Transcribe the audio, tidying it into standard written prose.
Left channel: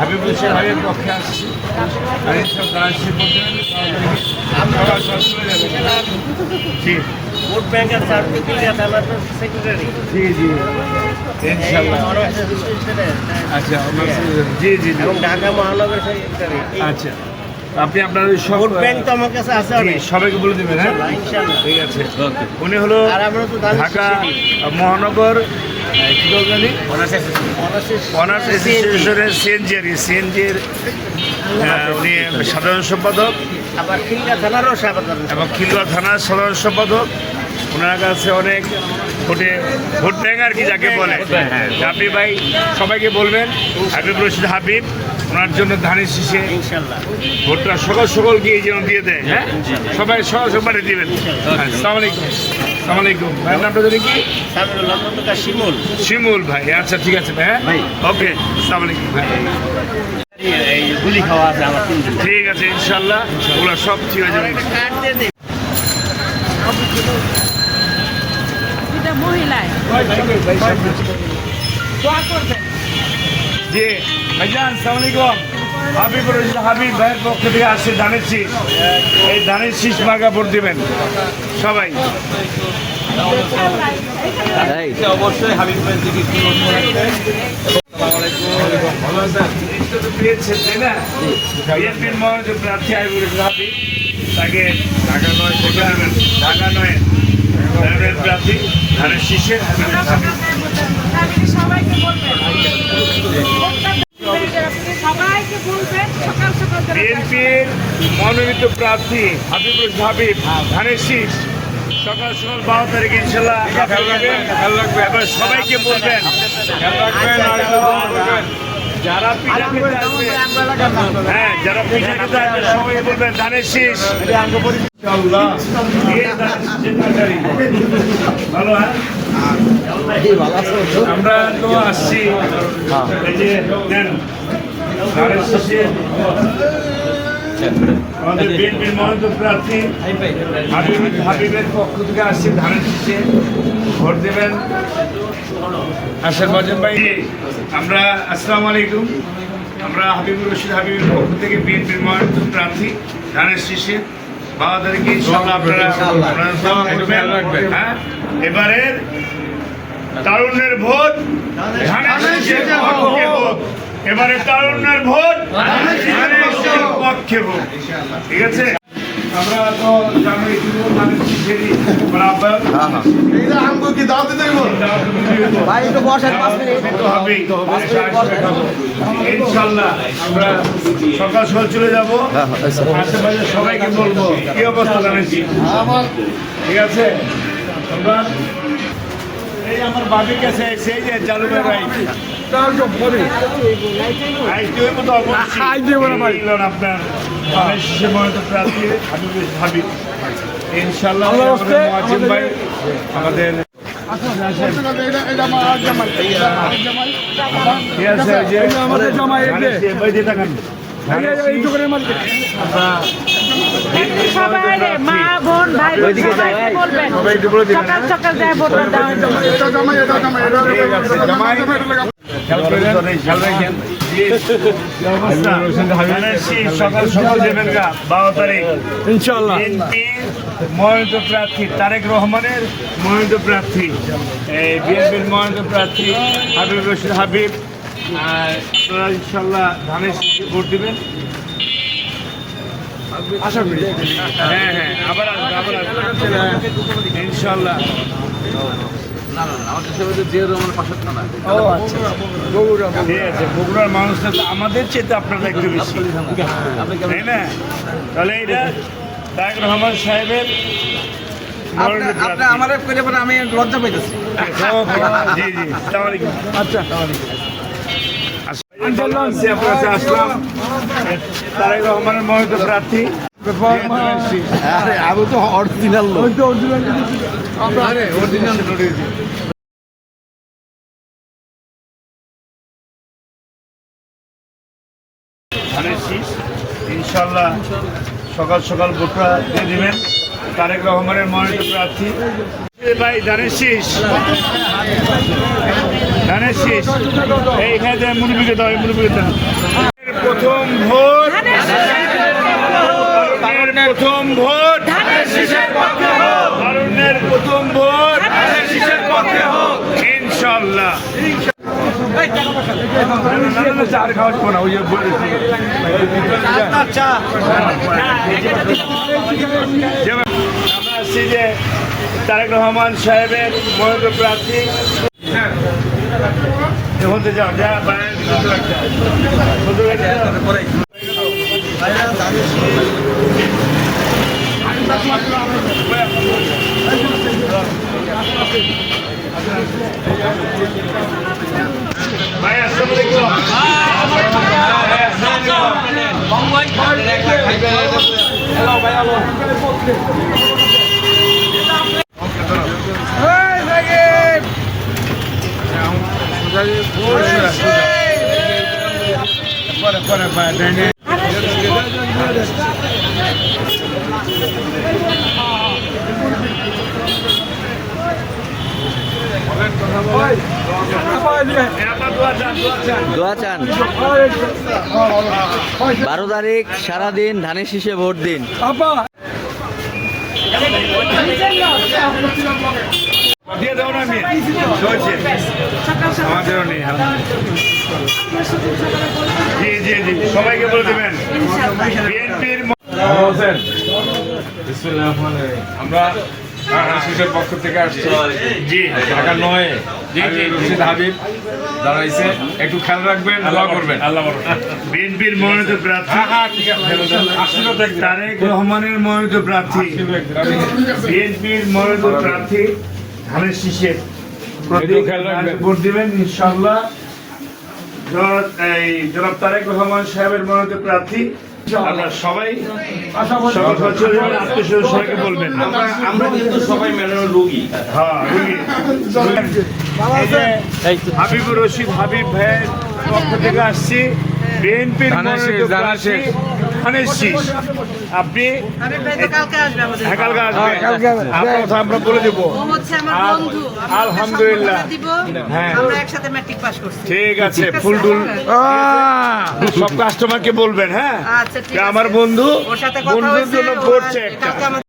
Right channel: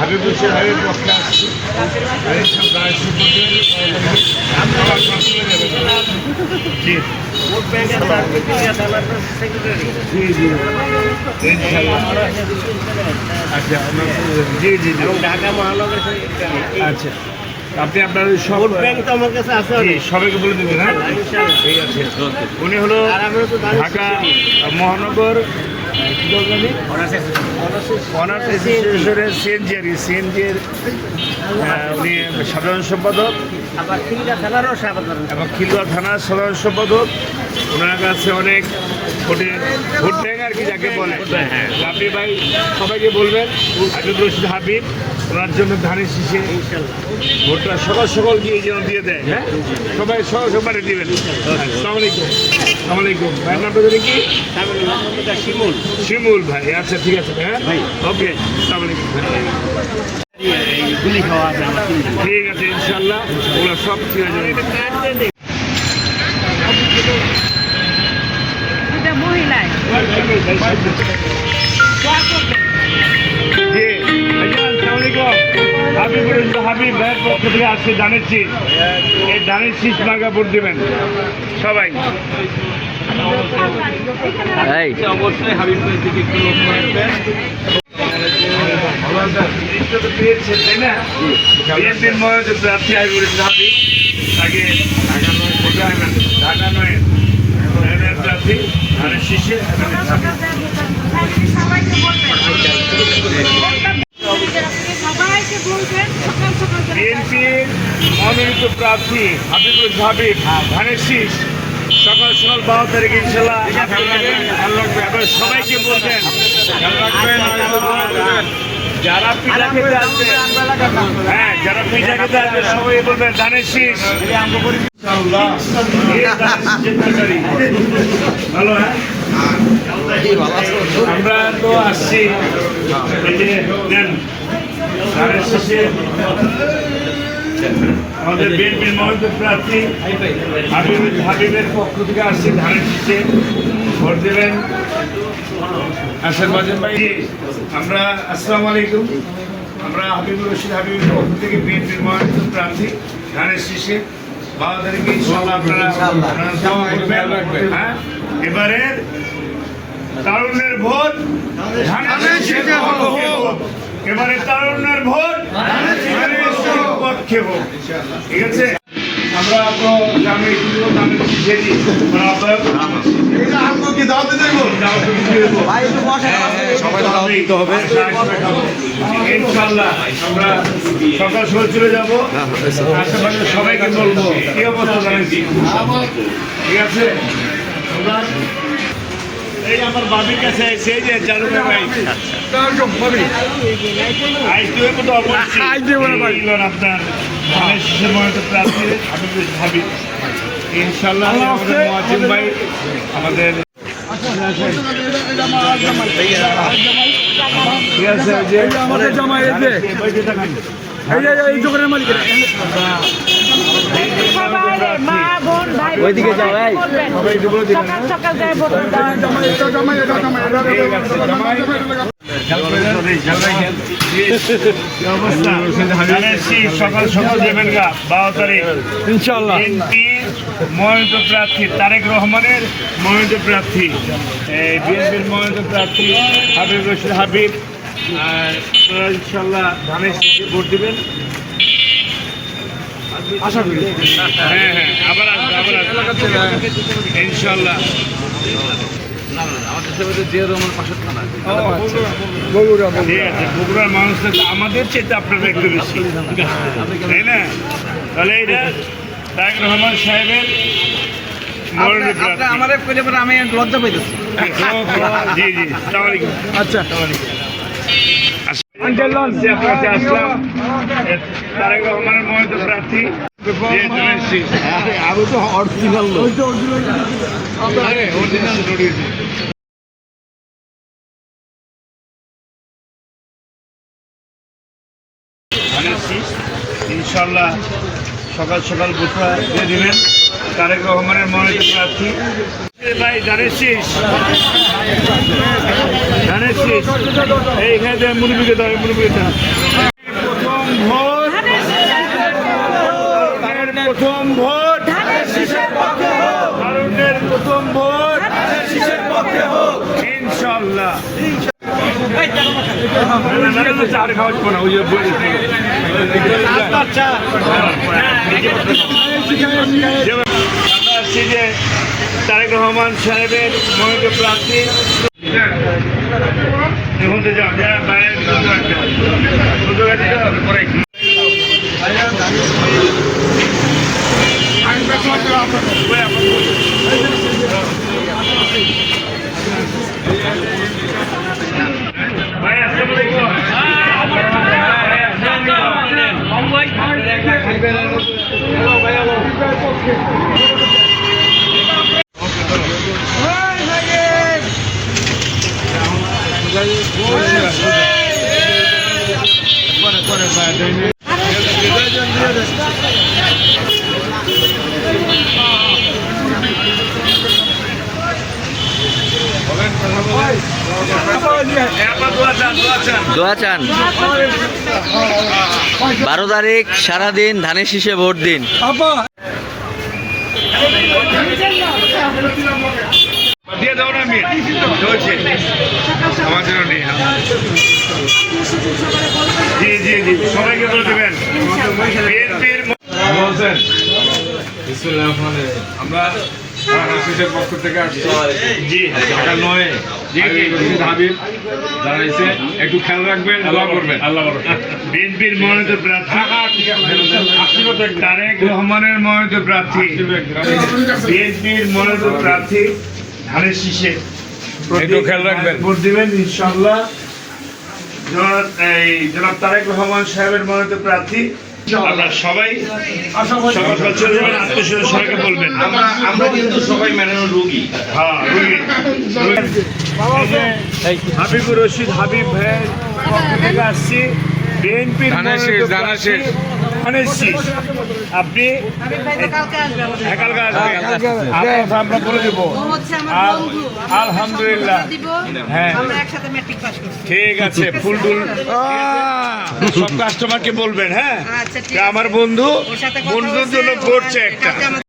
হাবিব হোসেন হাবিবের পক্ষে আসছি আর এইসব গাড়ি জি ভোট ব্যাংকের জি জি ইনশাল্লাহ আচ্ছা জি জি এবং ঢাকা মহানগর আচ্ছা আপনি আপনার সব ভোট ব্যাংক তো আমার কাছে আছে জি সবাইকে বলে দেবেন হ্যাঁ ইনশাআল্লাহ। ঠিক আছে উনি হলো আর আমরা তো দাঁড়িয়ে ঢাকা মহানগর কি দলগানি অনার্স অ্যাসোসিয়েশনের সিএনজির উনি সাধারণ সম্পাদক আবার খিলগা থানারও সাধারণ এবং খিলুয়া থানার সাধারণ সম্পাদক। ওনার কাছে অনেক ভোট ব্যাংক আর কি যাকে বলে। আপনি ভাই সবাইকে বলবেন হাবিব রশিদ হাবিব ওনার জন্য ধানের শীষে ইনশাআল্লাহ ভোটটা সকাল সকাল গিয়ে যেন দিয়ে দেয়। হ্যাঁ সবাই সকাল সকাল দিবেন। আসসালামু আলাইকুম। আসসালামু আলাইকুম ভাইয়ের নামটা জানি কি? শিমুল শিমুল ভাই। আচ্ছা ঠিক আছে ভাই। হ্যাঁ ওকে আসসালামু আলাইকুম ভাই। গুলি খাওয়া আছে আমার ঠিক আছে ইনশাল্লাহ ওগুলো সব ঠিক হয়ে যাবে। এটা মহিলায় জি ভাইজান আসসালামু আলাইকুম। হাবিব রশিদ হাবিব ভাইয়ের পক্ষ থেকে আসছে ধানের শীষ। এই ধানের শীষ মার্কা ভোট দেবেন সবাই। অবশ্যই হাবিব ভাই থেকে পেয়েছেন তাই না? বিএনপির মনোযোগ প্রার্থী হাবিব রশিদ হাবিব তাকে ঢাকা নয় প্রার্থী ধানের শীষে সবাইকে বলবেন সবাইকে বলবেন সকাল সকাল বিএনপির মনোনীত প্রার্থী হাবিব রশিদ হাবিব ধানের শীষ সকাল সকাল 12 তারিখে ইনশাল্লাহ এবার সবাইকে বলবেন যারা পিঠা খেতে আসবে হ্যাঁ যারা পিঠা খেতে আসবে সবাই বলবেন ধানের শীষ। ভালো হ্যাঁ আমরা তো আসছি এই যে নেন ধানের শীষে আমাদের বিএনপির মনোনীত প্রার্থী হাবিবের পক্ষ থেকে আসছি ধানের শীষে ভোট দেবেন। আসেন বাজেন ভাই। আমরা আসসালামু আলাইকুম। আমরা হাবিব রশিদ হাবিবের পক্ষ থেকে বিএনপির মনোনীত প্রার্থী ধানের শীষে 12 তারিখে ইনশাআল্লাহ আপনারা দোয়া করবেন। হ্যাঁ এবারের তারুণ্যের ভোট ধানের শীষের পক্ষে হোক। এবারে তারুণ্যের ভোট ধানের শীষের পক্ষে হোক। ঠিক আছে আমরা তো জানি ধানের শীষে ইনশাল্লাহ আমরা সকাল সকাল চলে যাবো। আশেপাশে সবাইকে বলবো কি অবস্থা জানিয়েছি। ঠিক আছে এই আমার বাবির কাছে সেই যে চালু ভাই আপনার ধানের শীষের মনোনীত প্রার্থী হাবিব রশিদ হাবিব ইনশাল্লাহ আমাদের মুয়াজ্জিম ভাই আমাদের সকাল সকাল দেবেন গা 12 তারিখ ইনশাআল্লাহ। মনোনীত প্রার্থী তারেক রহমানের মনোনীত প্রার্থী বিএনপির মনোনীত প্রার্থী হাবিব রশিদ হাবিব আপনারা ইনশাল্লাহ ধানের শীষে ভোট দেবেন। হ্যাঁ হ্যাঁ আবার আসবে ইনশাল্লাহ। না আমাদের সবাই জিয়া রহমান পাশের থানা। ঠিক আছে বগুড়ার মানুষরা তো আমাদের চেয়ে আপনারা একটু বেশি তাই না? তাহলে এটা তারেক রহমান সাহেবের আমার আমি লজ্জা পাইতেছি। জি জি আসসালামু আলাইকুম। আচ্ছা আপনার কাছে আসলাম তারেক রহমানের মনোনীত প্রার্থী আরো তো অরিজিনাল লোক। ইনশাল্লাহ সকাল সকাল ভোটটা দিয়ে দিবেন তারেক রহমানের মনোনীত প্রার্থী ভাই ধানের শীষ। ধানের এইখানে মুরব্বীকে দাও, মুরব্বীকে দাও। প্রথম ভোট, তারের প্রথম ভোট, তারুণ্যের প্রথম ভোট, ইনশাল্লাহ। চার খাওয়া না, ওই যে আমরা আসছি যে তারেক রহমান সাহেবের মনোনীত প্রার্থী। এখন তো যাও যা বাইরে ভাই আসসালামু দোয়া চান 12 তারিখ সারাদিন ধানের শীষে ভোট দিন। দিয়ে দাও না আমি চলছে আমাদেরও নেই। জি জি জি সবাইকে বলে দেবেন বিএনপির আমরা শিশুর পক্ষ থেকে আসছি জি ঢাকা নয় জি জি রশিদ হাবিব দাঁড়াইছে, একটু খেয়াল রাখবেন, দোয়া করবেন। আল্লাহ বিএনপির মনোনীত প্রার্থী তারেক রহমানের মনোনীত প্রার্থী, বিএনপির মনোনীত প্রার্থী ধানের শীষে একটু খেয়াল রাখবেন। ভোট দিবেন ইনশাআল্লাহ। জনাব তারেক রহমান সাহেবের মনোনীত প্রার্থী। আমরা সবাই আত্মীয় সবাইকে বলবেন আমরা কিন্তু সবাই মেলানোর রোগী। হ্যাঁ রুগী হাবিবুর রশিদ হাবিব ভাইয়ের পক্ষ থেকে আসছি বিএনপির মনোনীত প্রার্থী ধানের শীষ। আপনি হাবিব ভাই তো কালকে আসবে আমাদের। হ্যাঁ, কালকে আসবেন। আপনার কথা আমরা বলে দেবো। ও হচ্ছে আমার আল- বন্ধু। আলহামদুলিল্লাহ। আমরা দিব। হ্যাঁ। আমরা একসাথে ম্যাট্রিক পাস করছি। ঠিক আছে ফুল টুল সব কাস্টমারকে বলবেন। হ্যাঁ আচ্ছা ঠিক আছে। আমার বন্ধু ওর সাথে কথা বন্ধুর হয়েছে, জন্য ও করছে আসবে। একটা কালকে আমাদের